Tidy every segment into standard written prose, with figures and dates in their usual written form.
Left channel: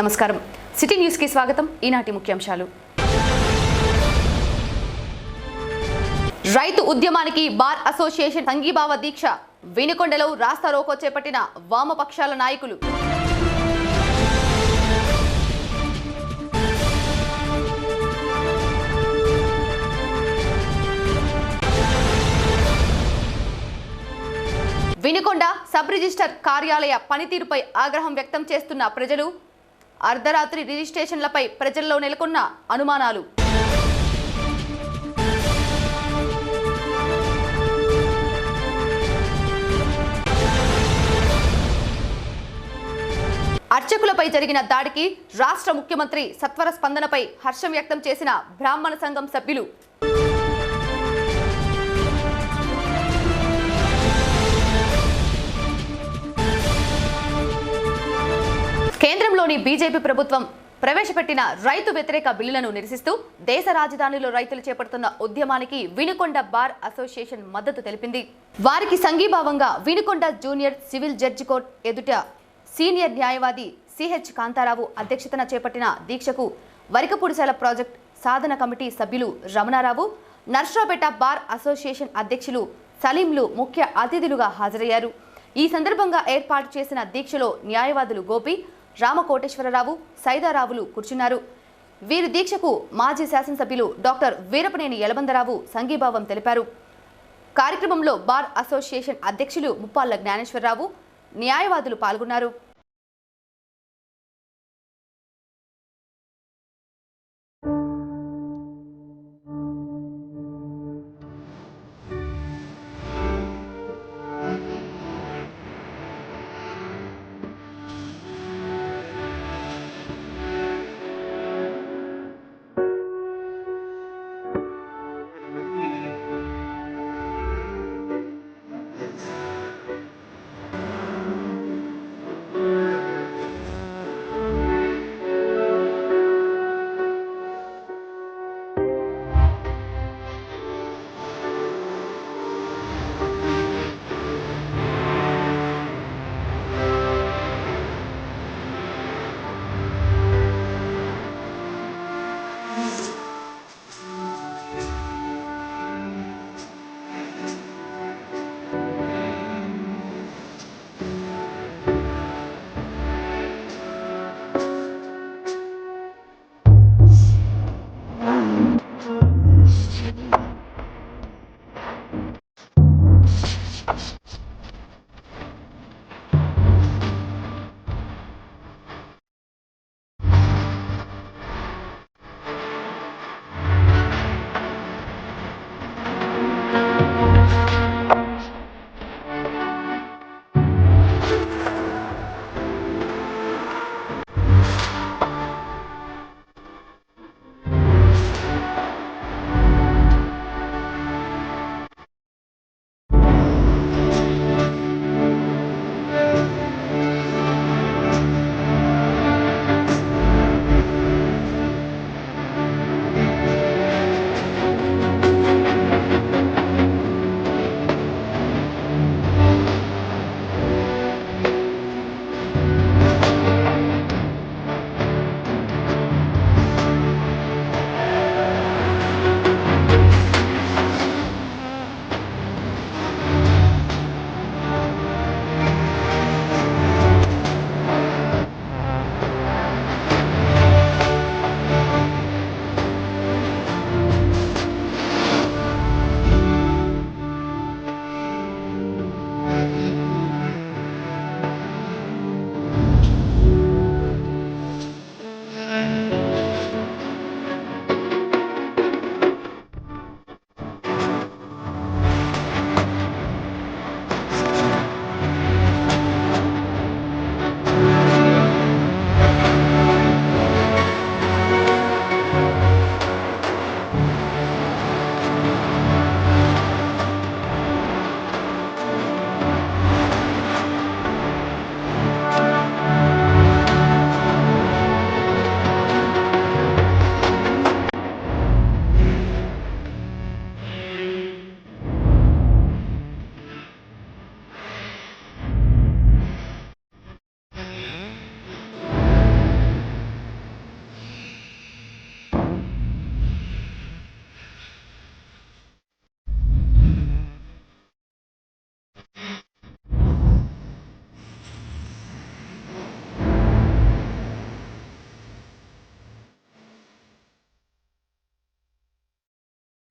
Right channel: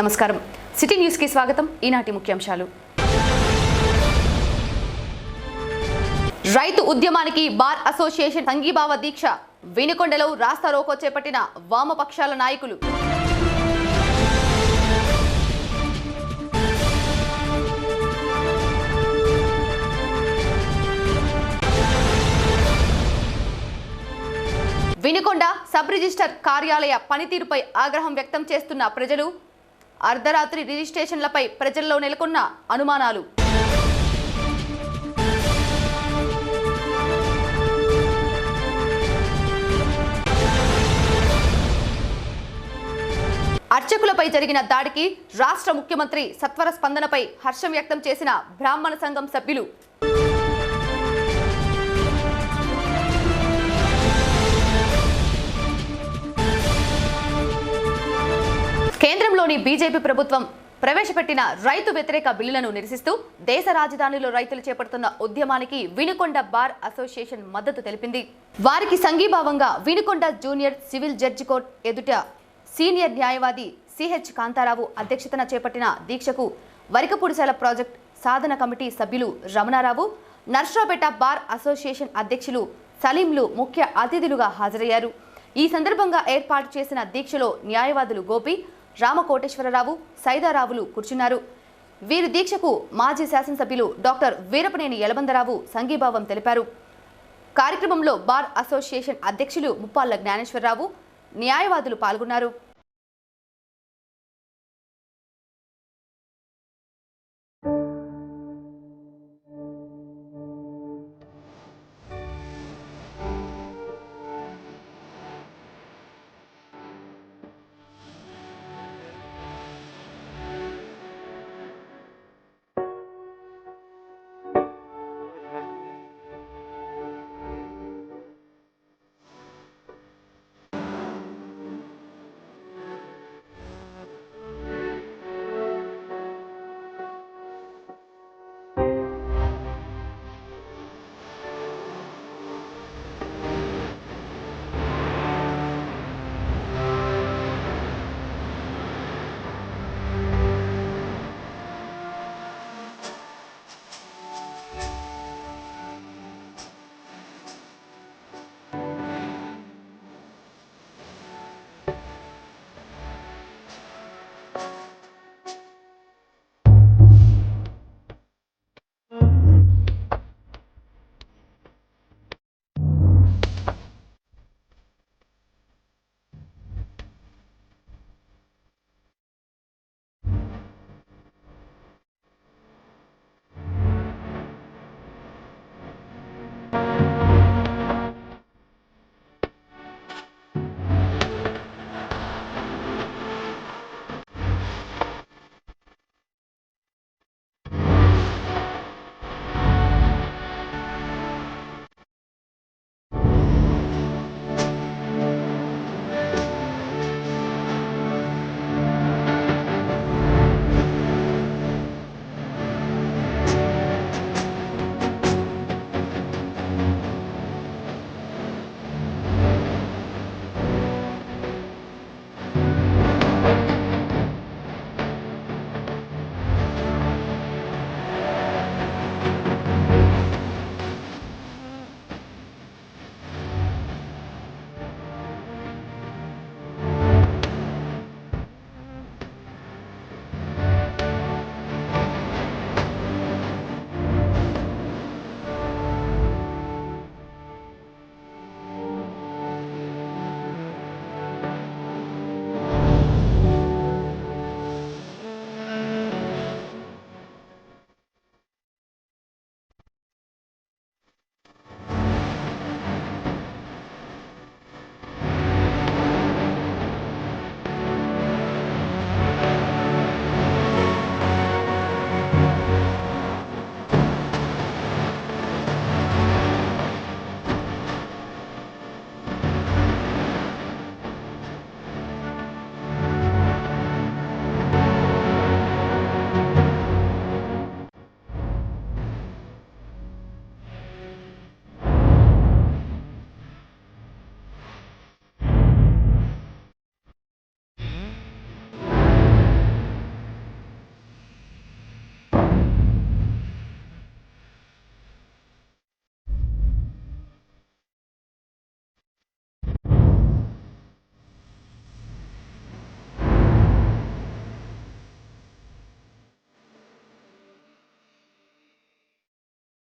నమస్కారం city news కి స్వాగతం ఈనాటి ముఖ్యాంశాలు రైతు ఉద్యమానికి బార్ అసోసియేషన్ సంఘీభావ దీక్ష వినుకొండలో రాస్తా రోకో చేపట్టిన వామపక్షాల నాయకులు వినుకొండ సబ్ రిజిస్టర్ కార్యాలయ పనితీరుపై ఆగ్రహం వ్యక్తం చేస్తున్న ప్రజలు అర్ధరాత్రి రిజిస్ట్రేషన్లపై ప్రజల్లో నెలకొన్న అనుమానాలు అర్చకులపై జరిగిన దాడికి రాష్ట్ర ముఖ్యమంత్రి సత్వర స్పందనపై హర్షం వ్యక్తం చేసిన బ్రాహ్మణ సంఘం సభ్యులు కేంద్రంలోని బీజేపీ ప్రభుత్వం ప్రవేశపెట్టిన రైతు వ్యతిరేక బిల్లులను నిరసిస్తూ దేశ రాజధానిలో రైతులు చేపడుతున్న ఉద్యమానికి వినుకొండ బార్ అసోసియేషన్ మద్దతు తెలిపింది. వారికి సంఘీభావంగా Vinukonda junior civil judge court ఎదుట సీనియర్ న్యాయవాది సిహెచ్ కాంతారావు అధ్యక్షతన చేపట్టిన దీక్షకు వరికపూడిశాల ప్రాజెక్ట్ సాధన కమిటీ సభ్యులు రమణారావు, నర్సరావుపేట బార్ అసోసియేషన్ అధ్యక్షులు సలీంలు ముఖ్య అతిథులుగా హాజరయ్యారు. ఈ సందర్భంగా ఏర్పాటు చేసిన దీక్షలో న్యాయవాదులు గోపి, రామకోటేశ్వరరావు, సైదారావులు కూర్చున్నారు. వీరి దీక్షకు మాజీ శాసనసభ్యులు డాక్టర్ వీరపనేని యలబందరావు సంఘీభావం తెలిపారు. కార్యక్రమంలో బార్ అసోసియేషన్ అధ్యక్షులు ముప్పాళ్ల జ్ఞానేశ్వరరావు, న్యాయవాదులు పాల్గొన్నారు.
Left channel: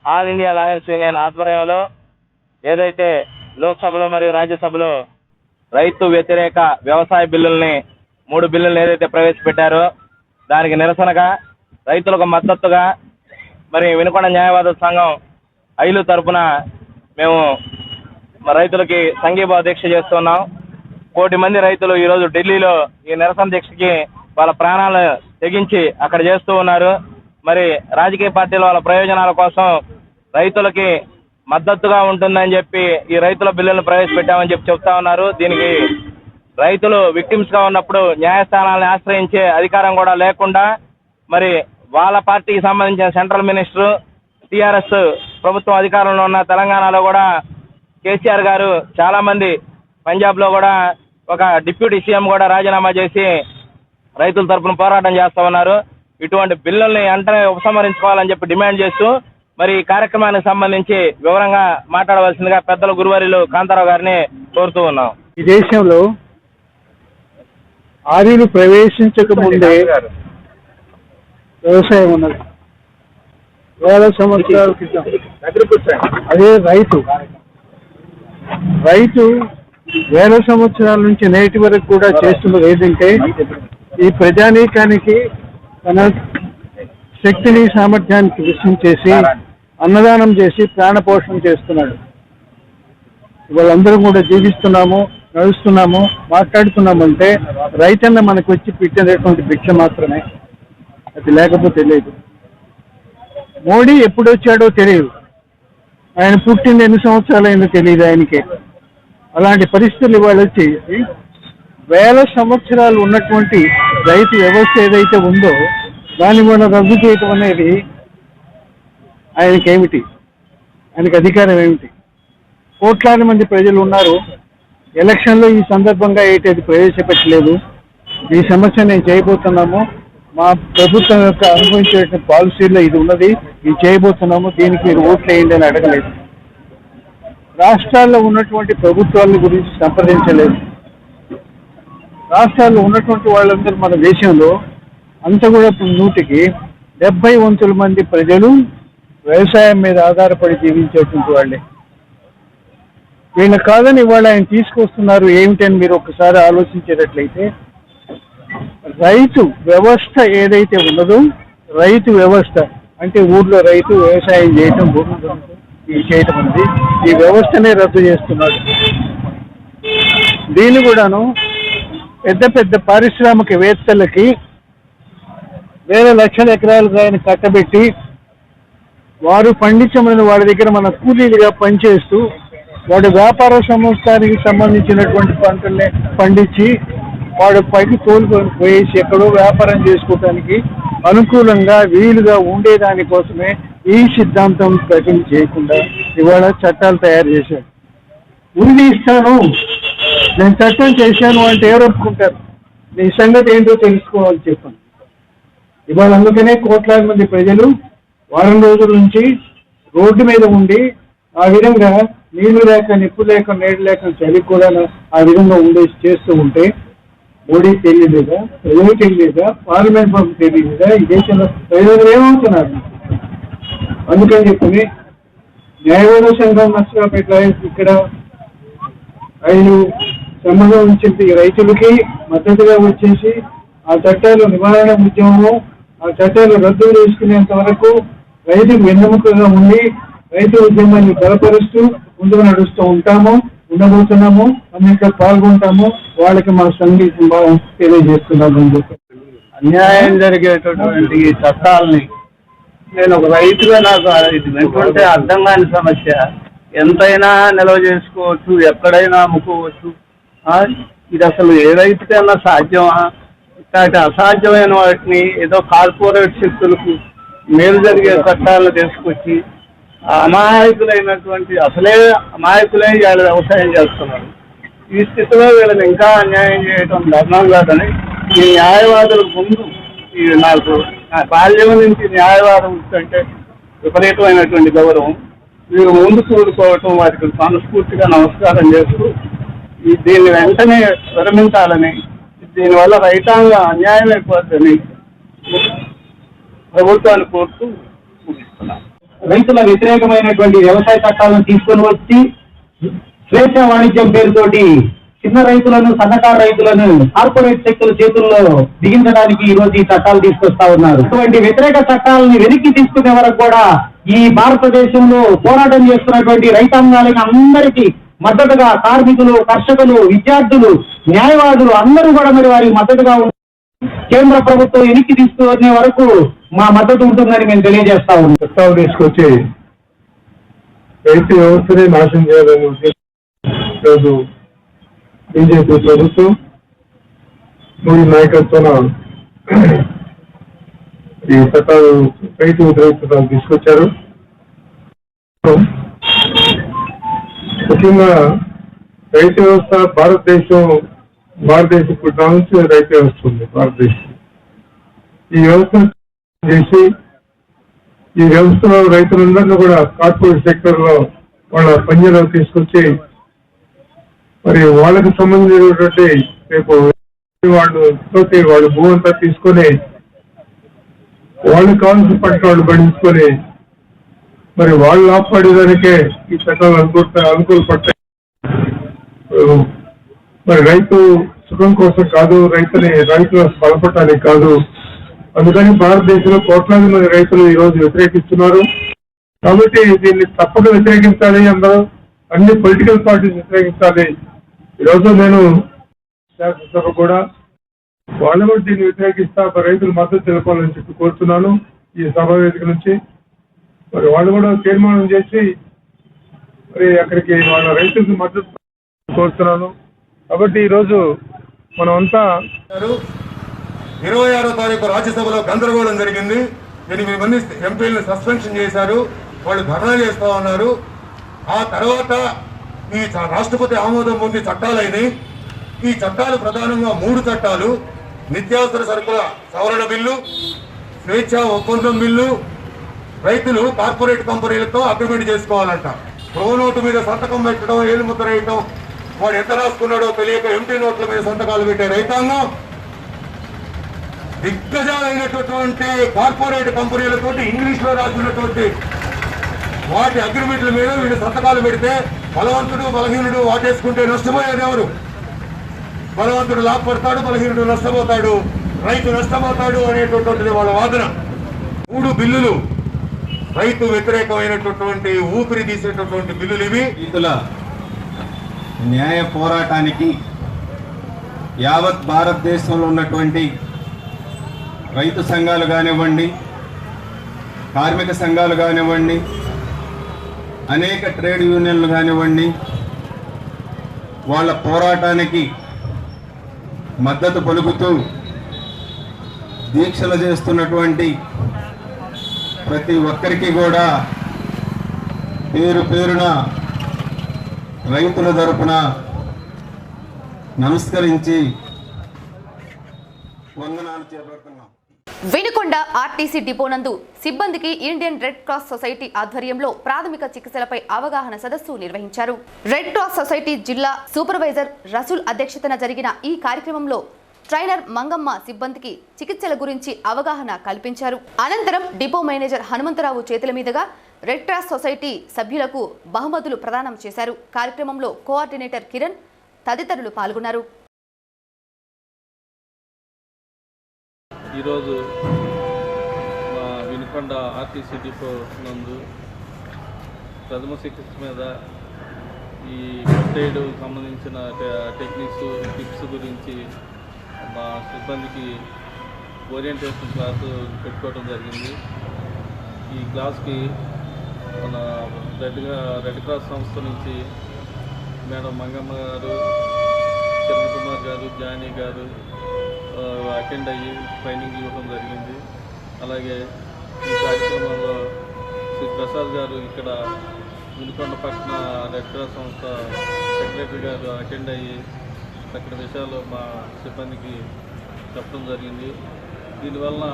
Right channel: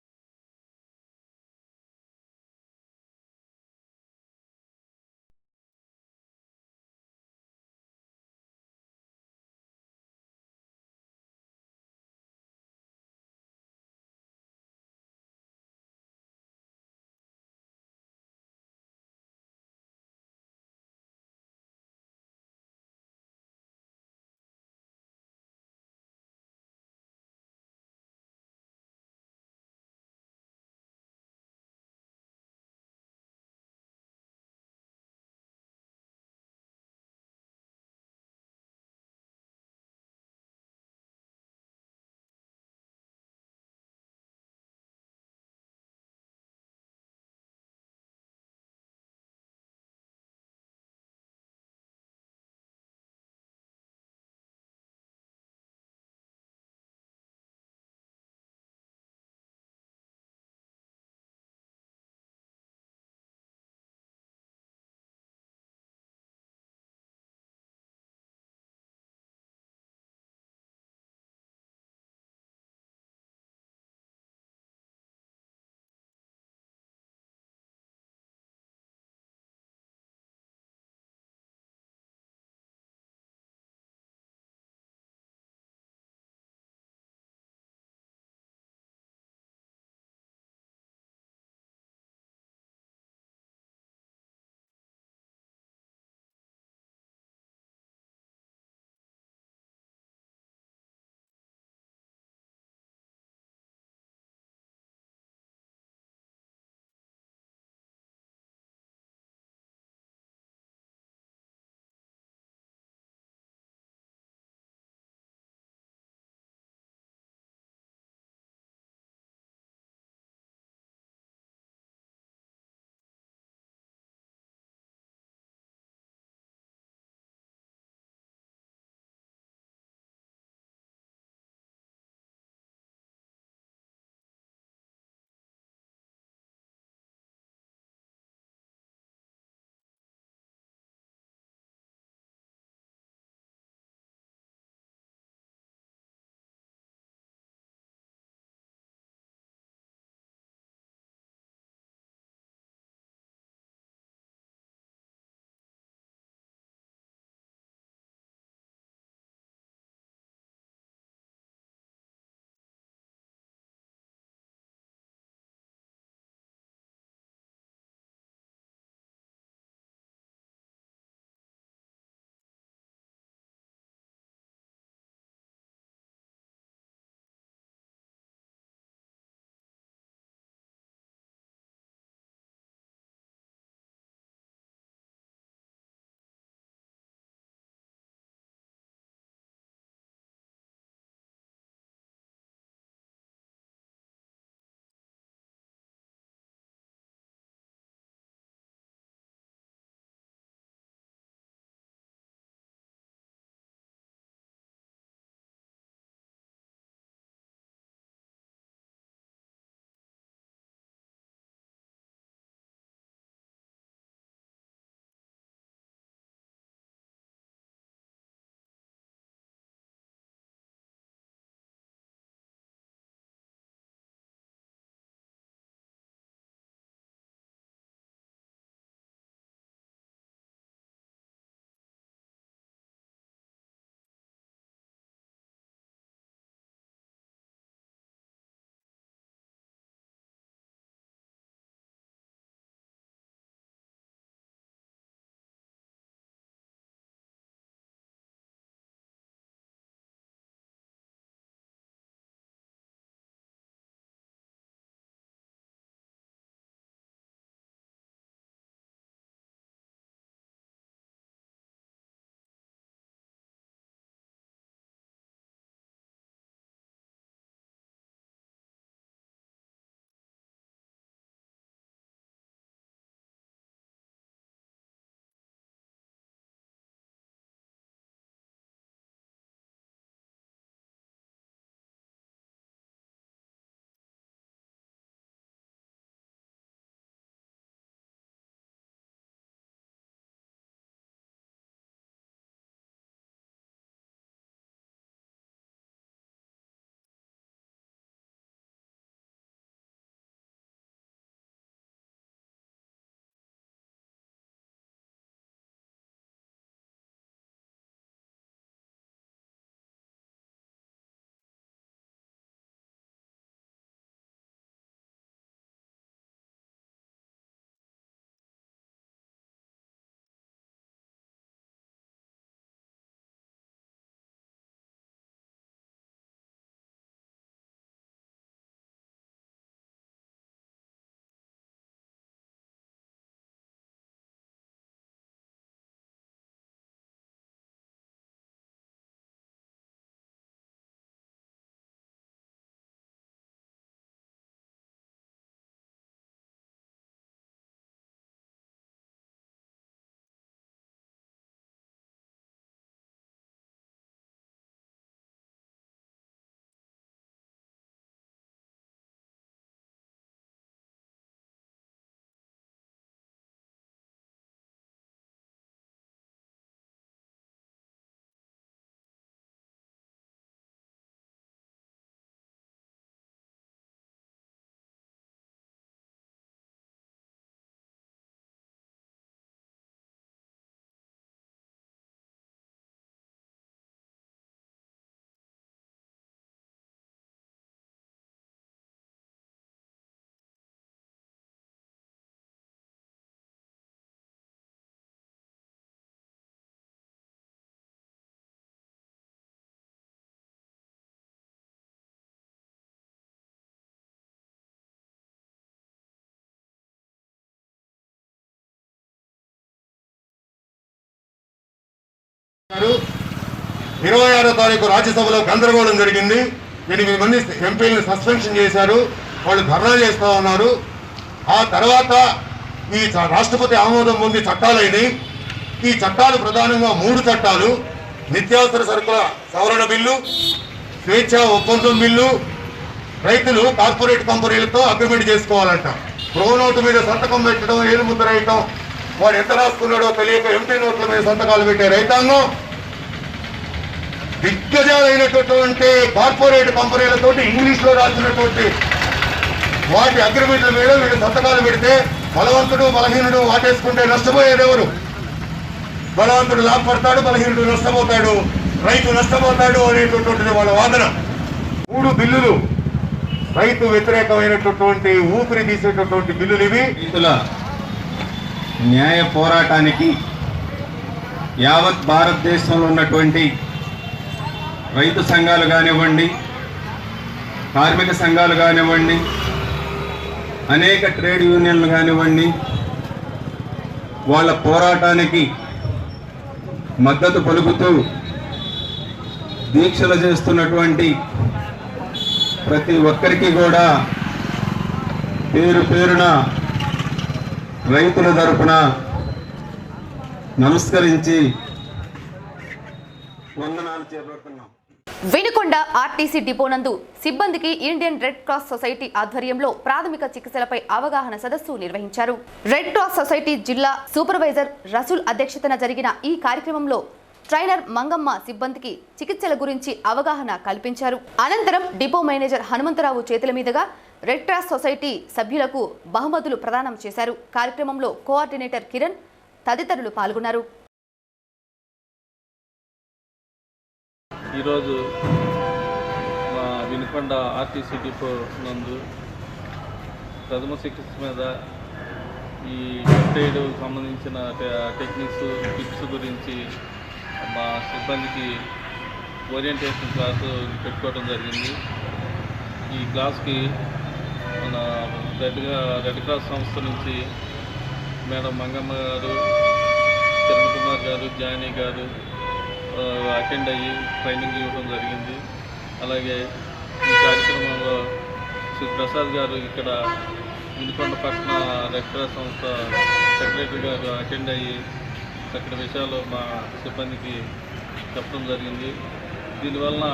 ఆల్ ఇండియా లాయర్స్ యూనియన్ ఆధ్వర్యంలో ఏదైతే లోక్సభలో మరియు రాజ్యసభలో రైతు వ్యతిరేక వ్యవసాయ బిల్లుల్ని 3 బిల్లులను ఏదైతే ప్రవేశపెట్టారో దానికి నిరసనగా రైతులకు మద్దతుగా మరి వినుకొండ న్యాయవాద సంఘం ఐలు తరపున మేము రైతులకి సంఘీభావ దీక్ష చేస్తున్నాం. 1 కోటి మంది రైతులు ఈరోజు ఢిల్లీలో ఈ నిరసన దీక్షకి వాళ్ళ ప్రాణాలు తెగించి అక్కడ చేస్తూ ఉన్నారు. మరి రాజకీయ పార్టీల వాళ్ళ ప్రయోజనాల కోసం రైతులకి మద్దతుగా ఉంటుందని చెప్పి ఈ రైతుల బిల్లులను ప్రవేశపెట్టామని చెప్పి చెప్తా ఉన్నారు. దీనికి రైతులు విక్టిమ్స్ గా ఉన్నప్పుడు న్యాయస్థానాలను ఆశ్రయించే అధికారం కూడా లేకుండా మరి వాళ్ళ పార్టీకి సంబంధించిన సెంట్రల్ మినిస్టర్ టిఆర్ఎస్ ప్రభుత్వం అధికారంలో ఉన్న తెలంగాణలో కూడా కేసీఆర్ గారు చాలా మంది పంజాబ్ లో కూడా ఒక డిప్యూటీ సీఎం కూడా రాజీనామా చేసి రైతుల తరపున పోరాటం చేస్తా ఉన్నారు. ఇటువంటి బిల్లుల్ని వెంటనే ఉపసంహరించుకోవాలని చెప్పి డిమాండ్ చేస్తూ మరి ఈ కార్యక్రమానికి సంబంధించి వివరంగా మాట్లాడవలసిందిగా పెద్దల గురువారిలు కాంతారావు గారిని కోరుతూ ఉన్నాం. ఈ దేశంలో ఆర్యులు ప్రవేశించక ముందే వ్యవసాయం ఉన్నది. వేల సంవత్సరాల క్రితం అదే రైతు వేల సంవత్సరాల నుంచి నేటి వరకు కూడా చేస్తున్నది ఏంటంటే ఈ ప్రజానీకానికి తన శక్తిని సామర్థ్యానికి విషయం చేసి అన్నదానం చేసి ప్రాణపోషణ చేస్తున్నాడు. వాళ్ళందరూ కూడా జీవిస్తున్నాము, నడుస్తున్నాము, మాట్లాడుతున్నామంటే రైతన్న మనకు వచ్చి పెట్టినటువంటి భిక్ష మాత్రమే, అది లేకపోతే లేదు. మోడీ ఎప్పుడు వచ్చాడో తెలియదు, ఆయన పుట్టింది ఎన్ని సంవత్సరాలైందో తెలియదు ఆయనకే. అలాంటి పరిస్థితులు ఇవాళ వచ్చి వేల సంవత్సరాలు ఉన్నటువంటి రైతు వ్యవస్థ ఏదైతే ఉందో దాన్ని మనం రద్దు చేయటం అనేది ఆయనకేమిటి, ఆయనకి అధికారం ఏమిటి? కోట్లాది మంది ప్రజలు ఉన్నారు. ఎలక్షన్లో ఈ సందర్భంగా ఏంటి ప్రవేశపెట్టలేదు. ఈ సమస్య నేను చేయబోతున్నాము, మా ప్రభుత్వం యొక్క అనుభవించే పాలసీల్లో ఇది ఉన్నది, ఇది చేయబోతున్నాము, దీనికి మీరు ఓట్లు వేయండి అని అడగలేదు. రాష్ట్రాల్లో ఉన్నటువంటి ప్రభుత్వాల గురించి సంప్రదించలేదు. రాష్ట్రాల్లో ఉన్నటువంటి వాళ్ళందరూ మన దేశంలో అంత కూడా 170 మంది ప్రజలు వ్యవసాయం మీద ఆధారపడి జీవించేటువంటి వాళ్ళే. వీళ్ళ కాదని ఇవాళ ఆయన తీసుకొస్తున్నారు ఏమిటని మీరు ఒకసారి ఆలోచించేటట్లయితే, రైతు వ్యవస్థ ఏదైతే ఉన్నదో, రైతు వ్యవస్థ అంటే ఊర్లో రైతు వ్యవసాయం చేయటం, భూమి చేయటం అనేది ఈ వ్యవస్థనే రద్దు చేస్తున్నాడు. దీన్ని కూడాను పెద్ద పెద్ద పారిశ్రామికవేత్తలకి వేల లక్షల ఎకరాలుగా ఆయన కట్టబెట్టి వారు పండించమని వాళ్ళ దగ్గర మన కూలీలుగా పనిచేస్తూ వాడు వ్యాపార సంస్థానికి సంబంధించినటువంటి పంటల్ని పండించి వాడు పైకి తోలుకొని పోయేసి ఎక్కడో వ్యాపారం చేసుకోవడానికి అనుకూలంగా వీలుగా ఉండేదానికోసమే ఈ సిద్ధాంతం ప్రకటన చేయకుండా ఇవాళ చట్టాలు తయారు చేశారు. ఉరి ఇస్తాను, నేను చట్టం చేశాను అంటే ఎవరు ఒప్పుకుంటారు? నీ సంగతి ఏంటో తెలుసుకోవాలని చెప్పాను. ఇవాళ అందుకనే కోట్లాది మంది ప్రజలు వారం రోజుల నుంచి రోడ్డు మీద ఉండి ఆ విధంగా నీళ్లు లేక, నిప్పు లేక, నీళ్లు లేక, చలి కూడా ఆ విధంగా ఉండేసి చేస్తూ ఉంటే మోడీ తెలియలేదా, ప్రజలు తెలియలేదా, పార్లమెంట్ బాబు తెలియలేదా? ఈ దేశంలో ప్రజలు ఏమవుతున్నారు? అందుకని చెప్పి న్యాయవాద సంఘం నష్టపేట ఇక్కడ ఆయన సంబంధం ఉంచింది రైతులకి మద్దతుగా వచ్చేసి ఆ చట్టాలు నివారణ ఉద్యమము, ఆ చట్టాలు రద్దు చేసుకునేంత వరకు రైతుకు వెన్నెముకగా ఉండి రైతు ఉద్యమాన్ని బలపరుస్తూ ముందుకు నడుస్తూ ఉంటాము, ఉండబోతున్నాము, అన్నింటిలో పాల్గొంటాము. వాళ్ళకి మా సంగీతం తెలియజేస్తున్నాము అని చెప్పి అన్యాయం జరిగేటటువంటి ఈ చట్టాలని నేను ఒక రైతుగా నాకు ఇది వింటుంటే అర్థం కాని సమస్య. ఎంతైనా నిల్వ చేసుకోవచ్చు, ఎక్కడైనా అమ్ముకోవచ్చు. ఇది అసలు ఏ రైతుకైనా సాధ్యమా? ఇట్లాంటి అసాధ్యమైన వాటిని ఏదో కార్పొరేట్ శక్తులకు మేలు జరిగే చట్టాలను తీసుకొచ్చి అమాయకులైనటువంటి అసలే అమాయకులే వీళ్ళు వ్యవసాయం చేస్తున్నారు. ఈ స్థితిలో వీళ్ళని ఇంకా అన్యాయం చేయడం ధర్మం కాదని ఈ న్యాయవాదుల ముందు నాకు నా బాల్యం నుంచి న్యాయవాదం అంటే విపరీతమైనటువంటి గౌరవం. వీరు ముందు కూడుకోవటం వారికి మనస్ఫూర్తిగా నమస్కారం చేస్తూ దీన్ని వెంటనే విరమించాలని, దీనివల్ల రైతాంగ అన్యాయం అయిపోతుందని ప్రభుత్వాన్ని కోరుతూ ముగిస్తున్నాను. రైతుల వ్యతిరేకమైనటువంటి వ్యవసాయ చట్టాలను తీసుకొని వచ్చి స్వేచ్ఛ వాణిజ్యం పేరుతోటి చిన్న రైతులను, సన్నకారు రైతులను కార్పొరేట్ శక్తుల చేతుల్లో బిగించడానికి ఈ రోజు ఈ చట్టాలు తీసుకొస్తా ఉన్నారు. ఇటువంటి వ్యతిరేక చట్టాలని వెనక్కి తీసుకునే వరకు కూడా ఈ భారతదేశంలో పోరాటం చేస్తున్నటువంటి రైతాంగాలకి అందరికీ మద్దతుగా కార్మికులు, కర్షకులు, విద్యార్థులు, న్యాయవాదులు అందరూ కూడా మరి వారికి మద్దతుగా కేంద్ర ప్రభుత్వం వెనక్కి తీసుకునే వరకు మా మద్దతు ఉంటుందని మేము తెలియజేస్తా ఉన్నాం. చట్టాలు తీసుకొచ్చి రైతు వ్యవస్థనే నాశనం చేయాలని ఈరోజు బీజేపీ ప్రభుత్వం మోడీ నాయకత్వాన ఈ చట్టాలు, రైతు వ్యతిరేక చట్టాలు తీసుకొచ్చారు. ముఖ్యంగా రైతు వ్యవస్థ భారతదేశం పుట్టిన నుంచి రైతు వ్యవస్థ ఉంది భారతదేశం. ఈ వ్యవస్థ చేసి ఈ వ్యవస్థలో రైతులందరినీ కూడా కార్పొరేట్ సెక్టర్ లో వాళ్ళ పంజాలో తీసుకొచ్చి మరి వాళ్ళకి సంబంధించినటువంటి రేపు వాళ్ళు భూ అంతా తీసుకొని వాళ్ళకి కావాల్సిన పంట వాళ్ళు పండించుకొని మరి వాళ్ళు ఆపాడేదానికే ఈ చట్టాలు అనుకూలపడతాయి. మరి రైతు సుఖం కోసం కాదు, రైతుల బలపడటానికి కాదు. అందుకని భారతదేశంలో కోట్లాది మంది రైతులు ఈ రోజు వ్యతిరేకిస్తున్నారు. కాబట్టి దీన్ని తప్పక వ్యతిరేకించాలి. అందరూ అన్ని పొలిటికల్ పార్టీస్ వ్యతిరేకించాలి. ఈరోజు నేను శాసనసభ కూడా వాళ్ళు కూడా దీన్ని వ్యతిరేకిస్తా రైతులు మద్దతు తెలపాలని చెప్పి కోరుతున్నాను. ఈ సభ వేదిక నుంచి మరి వాళ్ళు కూడా తీర్మానం చేసి మరి అక్కడికి వాళ్ళ రైతులకు మద్దతు కోరుతున్నాను. కాబట్టి ఈరోజు మనం అంతా 26వ తారీఖు రాజ్యసభలో గందరగోళం జరిగింది. 8 మంది ఎంపీలను సస్పెన్షన్ చేశారు. వాళ్ళు ధర్నా చేస్తా ఉన్నారు. ఆ తర్వాత ఈ రాష్ట్రపతి ఆమోదం పొంది చట్టాలైనవి. ఈ చట్టాలు ప్రధానంగా 3 చట్టాలు: నిత్యావసర సరుకుల సవరణ బిల్లు, స్వేచ్ఛ ఒప్పందం బిల్లు, రైతులు కార్పొరేట్ కంపెనీలతో అగ్రిమెంట్ చేసుకోవాలంట. ప్రోనోటు మీద సంతకం పెట్టడం, ఏలుముద్ర వేయటం, వాడు ఎంత రాసుకున్నాడో తెలియక ఎంటీ నోట్ల మీద సంతకాలు పెట్టే రైతాంగం దిగ్గజాలైనటువంటి కార్పొరేట్ కంపెనీలతోటి ఇంగ్లీష్ లో రాసినటువంటి వాటి అగ్రిమెంట్ల మీద వీళ్ళు సంతకాలు పెడితే బలవంతుడు బలహీనుడు వాటేసుకుంటే నష్టపోయేది ఎవరు? బలవంతుడు లాభపడతాడు, బలహీనుడు నష్టపోతాడు, రైతు నష్టపోతాడు అనేటటువంటిది వాళ్ళ వాదన. 3 బిల్లులు రైతు వ్యతిరేకమైనటువంటి ఊపిరి తీసేటటువంటి బిల్లులు ఇవి. రైతుల న్యాయ పోరాటానికి యావత్ భారతదేశంలో ఉన్నటువంటి రైతు సంఘాలు కానివ్వండి, కార్మిక సంఘాలు కానివ్వండి, అనేక ట్రేడ్ యూనియన్లు కానివ్వండి, వాళ్ళ పోరాటానికి మద్దతు పలుకుతూ దీక్షలు చేస్తున్నటువంటి ప్రతి ఒక్కరికి కూడా పేరు పేరున రైతుల తరపున నమస్కరించి వందనాలు చేపడుతున్నాం. వినుకొండ ఆర్టీసీ డిపో నందు సిబ్బందికి ఇండియన్ రెడ్ క్రాస్ సొసైటీ ఆధ్వర్యంలో ప్రాథమిక చికిత్సలపై అవగాహన సదస్సు నిర్వహించారు. రెడ్ క్రాస్ సొసైటీ జిల్లా సూపర్వైజర్ రసూల్ అధ్యక్షతన జరిగిన ఈ కార్యక్రమంలో ట్రైనర్ మంగమ్మ సిబ్బందికి చికిత్సల గురించి అవగాహన కల్పించారు. అనంతరం డిపో మేనేజర్ హనుమంతరావు చేతుల మీదుగా రెడ్ క్రాస్ సొసైటీ సభ్యులకు బహుమతులు ప్రదానం చేశారు. కార్యక్రమంలో కోఆర్డినేటర్ కిరణ్ తదితరులు పాల్గొన్నారు. ఈరోజు మా వినుకొండ ఆర్టీసీ డిపో నందు ప్రథమ చికిత్స మీద ఈ ఫస్ట్ ఎయిడ్ సంబంధించిన టెక్నిక్స్, టిప్స్ గురించి మా సిబ్బందికి ఓరియంటేషన్ క్లాసు పెట్టుకోవడం జరిగింది. ఈ క్లాస్కి మన రెడ్ క్రాస్ సంస్థ నుంచి మేడం మంగమ్మ గారు, కిరణ్ కుమార్ గారు, జానీ గారు అటెండ్ అయ్యి ట్రైనింగ్ ఇవ్వడం జరిగింది. అలాగే ఈ కార్యక్రమంలో శ్రీ ప్రసాద్ గారు ఇక్కడ వినుకొండ పట్టణ రెడ్ క్రాస్ సంస్థ సెక్రటరీ గారు అటెండ్ అయ్యి అక్కడ విషయాలు మా సిబ్బందికి చెప్పడం జరిగింది. దీనివలన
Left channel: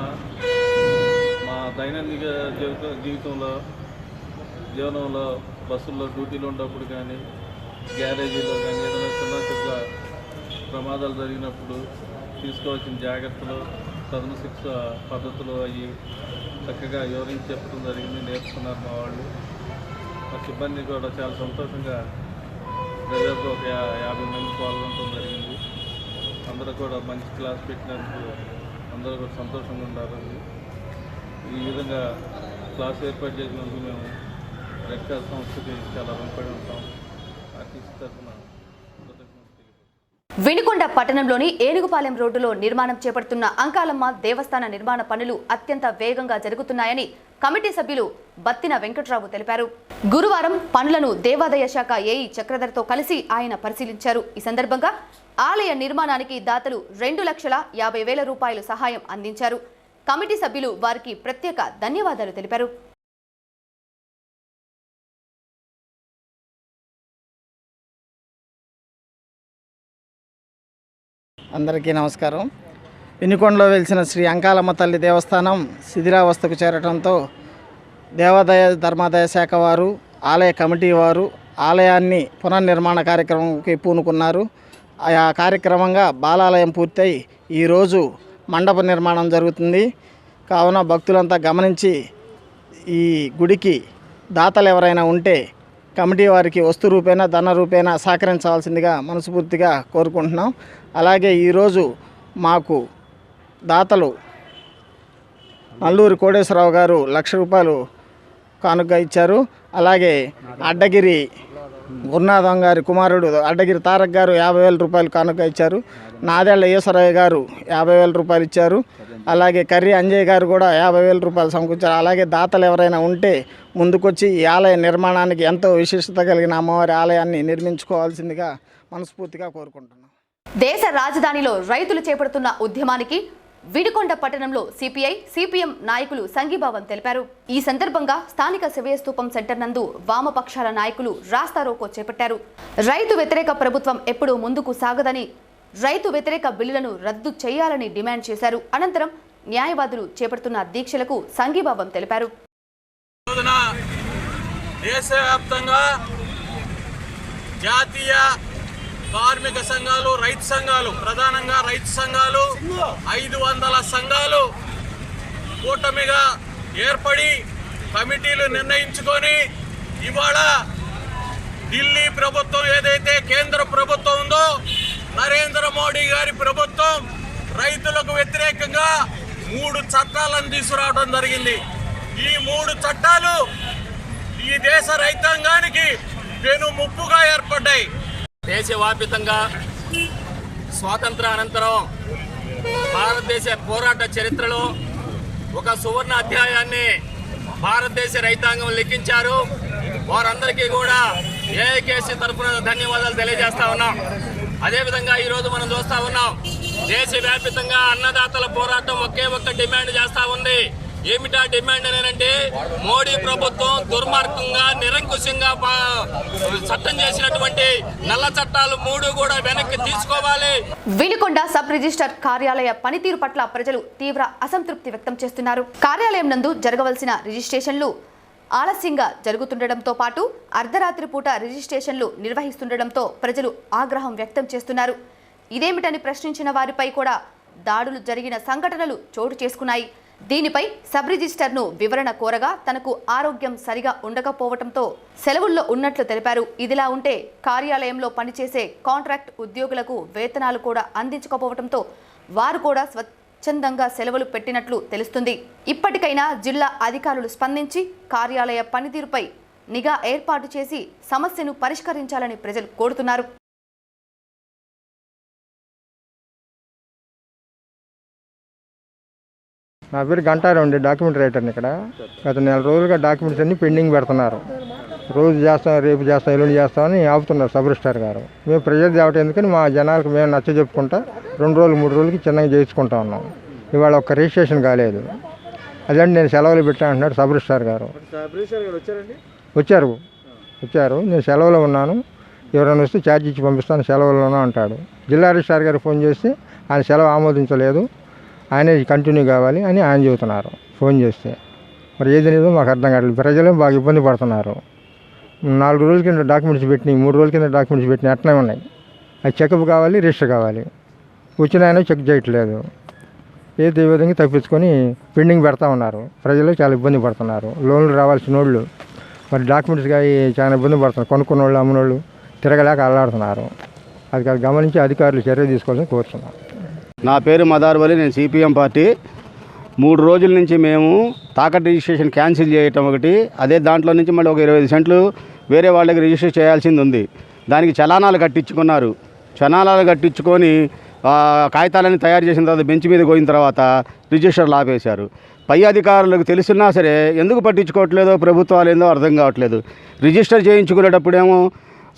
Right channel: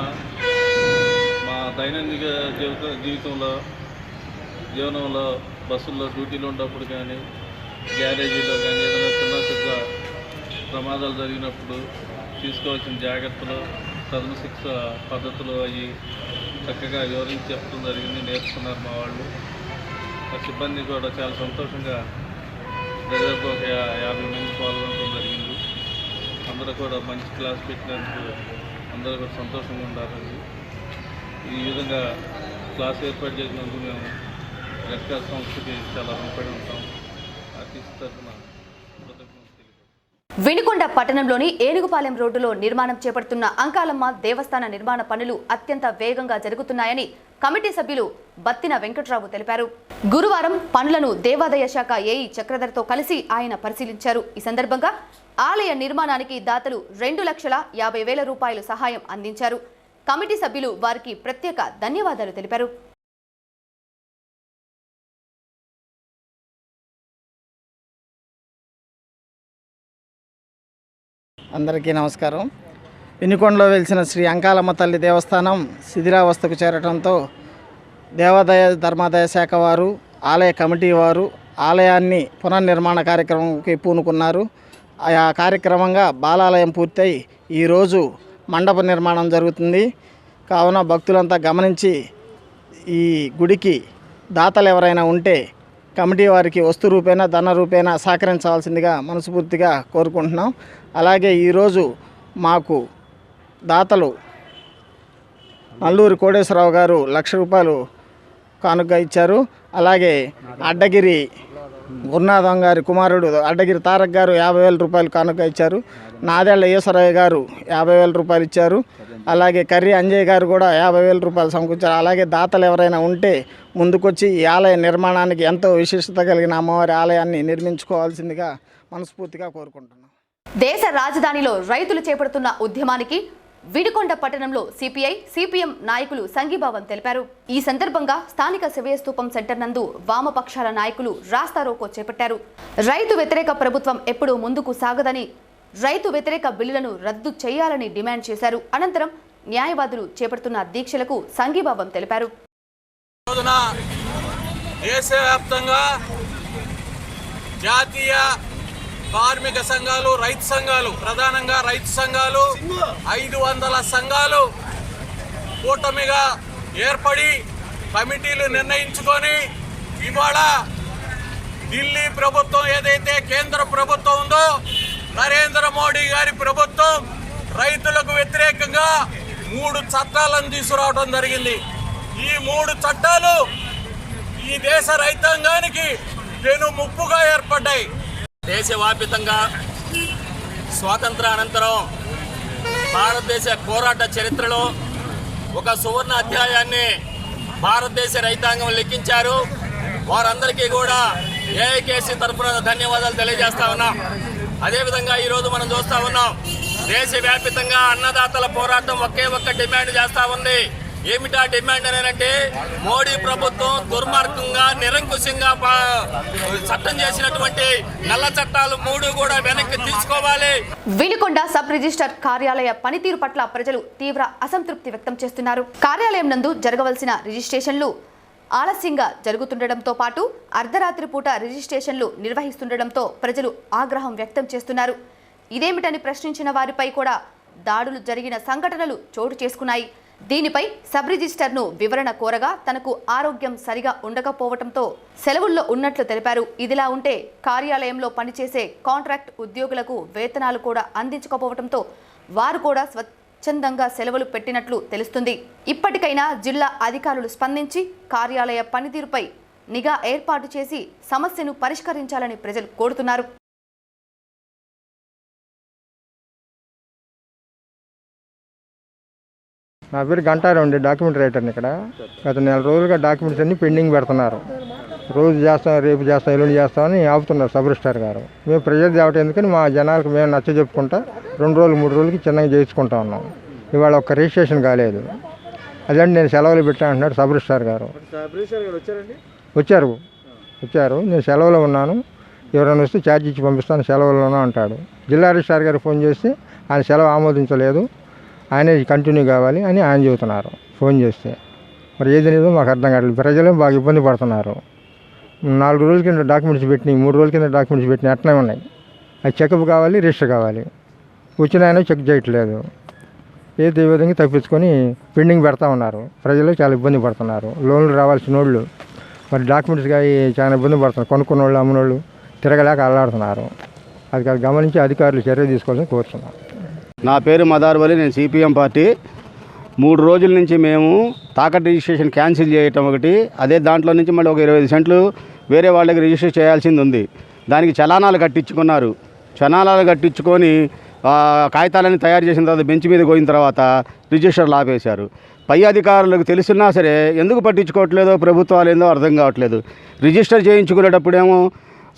మా దైనందిక జీవనంలో బస్సుల్లో డ్యూటీలో ఉన్నప్పుడు కానీ, గ్యారేజీలో కానీ ఏదైనా చిన్న ప్రమాదాలు జరిగినప్పుడు తీసుకోవాల్సిన జాగ్రత్తలు, ప్రథమ శిక్ష పద్ధతులు అవి చక్కగా వివరించి చెప్పడం జరిగింది, నేర్చుకున్నారు మా వాళ్ళు. మా సిబ్బంది కూడా చాలా సంతోషంగా దాదాపు ఒక 50 మంది పాల్గొనడం జరిగింది. అందరూ కూడా మంచి క్లాస్ పెట్టినందుకు అందరూ కూడా సంతోషంగా ఉండాలండి. ఈ విధంగా క్లాస్ ఏర్పాటు చేసినందుకు మేము రెడ్ క్రాస్ సంస్థకి చాలా రుణపడి ఉంటాం. ఆర్టీసీ తరఫున కృతజ్ఞతలు తెలియజేస్తాం. వినుకొండ పట్టణంలోని ఏనుగుపాలెం రోడ్డులో నిర్మాణం చేపడుతున్న అంకాలమ్మ దేవస్థాన నిర్మాణ పనులు అత్యంత వేగంగా జరుగుతున్నాయని కమిటీ సభ్యులు బత్తిన వెంకట్రావు తెలిపారు. గురువారం పనులను దేవాదాయ శాఖ ఏఈ చక్రధర్తో కలిసి ఆయన పరిశీలించారు. ఈ సందర్భంగా ఆలయ నిర్మాణానికి దాతలు 2,50,000 రూపాయలు సహాయం అందించారు. కమిటీ సభ్యులు వారికి ప్రత్యేక ధన్యవాదాలు తెలిపారు. అందరికీ నమస్కారం. వినుకొండలో వెలిసిన శ్రీ అంకాలమ్మ తల్లి దేవస్థానం శిథిలావస్థకు చేరటంతో దేవాదాయ ధర్మాదాయ శాఖ వారు, ఆలయ కమిటీ వారు ఆలయాన్ని పునర్నిర్మాణ కార్యక్రమంకి పూనుకున్నారు. ఆ కార్యక్రమంగా బాలాలయం పూర్తయి ఈరోజు మండప నిర్మాణం జరుగుతుంది. కావున భక్తులంతా గమనించి ఈ గుడికి దాతలు ఎవరైనా ఉంటే కమిటీ వారికి వస్తు రూపేణా ధన రూపేణా సహకరించవలసిందిగా మనస్ఫూర్తిగా కోరుకుంటున్నాం. అలాగే ఈరోజు మాకు దాతలు నల్లూరి కోటేశ్వరరావు గారు 1,00,000 రూపాయలు కానుక ఇచ్చారు. అలాగే అడ్డగిరి గురునాథం గారి కుమారుడు అడ్డగిరి తారక్ గారు 50,000 రూపాయలు కానుక ఇచ్చారు. నాదేళ్ల ఈశ్వరయ్య గారు 50,000 రూపాయలు ఇచ్చారు. అలాగే కర్రీ అంజయ్ గారు కూడా 50,000 రూపాయలు సమకూర్చారు. అలాగే దాతలు ఎవరైనా ఉంటే ముందుకొచ్చి ఈ ఆలయ నిర్మాణానికి ఎంతో విశిష్టత కలిగిన అమ్మవారి ఆలయాన్ని నిర్మించుకోవాల్సిందిగా మనస్ఫూర్తిగా కోరుకుంటున్నాం. దేశ రాజధానిలో రైతులు చేపడుతున్న ఉద్యమానికి వినుకొండ పట్టణంలో సిపిఐ, సిపిఎం నాయకులు సంఘీభావం తెలిపారు. ఈ సందర్భంగా స్థానిక శివయ్య స్తూపం సెంటర్ నందు వామపక్షాల నాయకులు రాస్తారోకో చేపట్టారు. రైతు వ్యతిరేక ప్రభుత్వం ఎప్పుడూ ముందుకు సాగదని, రైతు వ్యతిరేక బిల్లులను రద్దు చేయాలని డిమాండ్ చేశారు. అనంతరం న్యాయవాదులు చేపడుతున్న దీక్షలకు సంఘీభావం తెలిపారు. దేశవ్యాప్తంగా జాతీయ కార్మిక సంఘాలు, రైతు సంఘాలు, ప్రధానంగా రైతు సంఘాలు 500 సంఘాలు కూటమిగా ఏర్పడి కమిటీలు నిర్ణయించుకొని ఇవాళ ఢిల్లీ ప్రభుత్వం ఏదైతే కేంద్ర ప్రభుత్వం ఉందో నరేంద్ర మోడీ గారి ప్రభుత్వం రైతులకు వ్యతిరేకంగా 3 చట్టాలను తీసుకురావడం జరిగింది. ఈ 3 చట్టాలు ఈ దేశ రైతాంగానికి పెను ముప్పుగా ఏర్పడ్డాయి. దేశవ్యాప్తంగా స్వాతంత్ర అనంతరం భారతదేశ పోరాట చరిత్రలో ఒక సువర్ణ అధ్యాయాన్ని భారతదేశ రైతాంగం లెక్కించారు. వారందరికీ కూడా ఏఐకేసీ తరఫున ధన్యవాదాలు తెలియజేస్తా ఉన్నాం. అదేవిధంగా ఈరోజు మనం చూస్తూ ఉన్నాం, దేశవ్యాప్తంగా అన్నదాతల పోరాటం ఒకే ఒక్క డిమాండ్ చేస్తూ ఉంది. ఏమిటా డిమాండ్ అనేనంటే మోడీ ప్రభుత్వం దుర్మార్గంగా నిరంకుశంగా చట్టం చేసినటువంటి నల్ల చట్టాలు 3 కూడా వెనక్కి తీసుకోవాలి. వినుకొండ సబ్ రిజిస్టర్ కార్యాలయ పనితీరు పట్ల ప్రజలు తీవ్ర అసంతృప్తి వ్యక్తం చేస్తున్నారు. కార్యాలయం నందు జరగవలసిన రిజిస్ట్రేషన్లు ఆలస్యంగా జరుగుతుండటంతో పాటు అర్ధరాత్రి పూట రిజిస్ట్రేషన్లు నిర్వహిస్తుండటంతో ప్రజలు ఆగ్రహం వ్యక్తం చేస్తున్నారు. ఇదేమిటని ప్రశ్నించిన వారిపై కూడా దాడులు జరిగిన సంఘటనలు చోటు చేసుకున్నాయి. దీనిపై సబ్ రిజిస్టర్ను వివరణ కోరగా తనకు ఆరోగ్యం సరిగా ఉండకపోవడంతో సెలవుల్లో ఉన్నట్లు తెలిపారు. ఇదిలా ఉంటే కార్యాలయంలో పనిచేసే కాంట్రాక్ట్ ఉద్యోగులకు వేతనాలు కూడా అందించకపోవడంతో వారు కూడా స్వచ్ఛందంగా సెలవులు పెట్టినట్లు తెలుస్తుంది. ఇప్పటికైనా జిల్లా అధికారులు స్పందించి కార్యాలయ పనితీరుపై నిఘా ఏర్పాటు చేసి సమస్యను పరిష్కరించాలని ప్రజలు కోరుతున్నారు. నా పేరు గంటారావు అండి, డాక్యుమెంట్ రైటర్ని. ఇక్కడ గత 4 రోజులుగా డాక్యుమెంట్స్ అన్ని పెండింగ్ పెడుతున్నారు. రోజు చేస్తాం, రేపు చేస్తాం, ఎల్లుండి చేస్తామని ఆపుతున్నారు సబ్ రిజిస్ట్రార్ గారు. మేము ప్రజలు తేవటం ఎందుకని మా జనాలకు మేము నచ్చ చెప్పుకుంటా 2 రోజులు 3 రోజులకి చిన్నగా చేయించుకుంటా ఉన్నాం. ఇవాళ ఒక్క రిజిస్ట్రేషన్ కాలేదు. అదండి నేను సెలవులు పెట్టాను అంటున్నాడు సబ్ రిజిస్ట్రార్ గారు. వచ్చారు నేను సెలవులో ఉన్నాను, ఎవరైనా వస్తే ఛార్జ్ ఇచ్చి పంపిస్తాను, సెలవులోనూ అంటాడు. జిల్లా రిజిస్ట్రార్ గారికి ఫోన్ చేస్తే ఆయన సెలవు ఆమోదించలేదు, ఆయనే కంటిన్యూ కావాలి అని ఆయన చెబుతున్నారు ఫోన్ చేస్తే. మరి ఏది లేదో మాకు అర్థం కావట్లేదు. ప్రజలు బాగా ఇబ్బంది పడుతున్నారు. 4 రోజుల కింద డాక్యుమెంట్స్ పెట్టినాయి, 3 రోజుల కింద డాక్యుమెంట్స్ పెట్టినాయి, అట్లనే ఉన్నాయి. అది చెకప్ కావాలి, రిజిస్టర్ కావాలి. వచ్చిన ఆయన చెక్ చేయట్లేదు. ఏదో ఈ విధంగా తప్పించుకొని పెండింగ్ పెడతా ఉన్నారు. ప్రజలు చాలా ఇబ్బంది పడుతున్నారు. లోన్లు రావాల్సిన వాళ్ళు మరి డాక్యుమెంట్స్గా చాలా ఇబ్బంది పడుతున్నారు. కొనుక్కున్న వాళ్ళు అమ్మిన వాళ్ళు తిరగలేక అల్లాడుతున్నారు. అది గమనించి అధికారులు చర్య తీసుకోవాలని కోరుతున్నాం. నా పేరు మదార్ వలి, నేను సిపిఎం పార్టీ. 3 రోజుల నుంచి మేము తాకట్టు రిజిస్ట్రేషన్ క్యాన్సిల్ చేయటం ఒకటి, అదే దాంట్లో నుంచి మళ్ళీ ఒక 25 సెంట్లు వేరే వాళ్ళకి రిజిస్టర్ చేయాల్సింది ఉంది. దానికి చలానాలు కట్టించుకున్నారు. చలానాలు కట్టించుకొని కాగితాలన్నీ తయారు చేసిన తర్వాత బెంచ్ మీద పోయిన తర్వాత రిజిస్టర్లు ఆపేశారు. పై అధికారులకు తెలుసున్నా సరే ఎందుకు పట్టించుకోవట్లేదో ప్రభుత్వాలు ఏందో అర్థం కావట్లేదు. రిజిస్టర్ చేయించుకునేటప్పుడేమో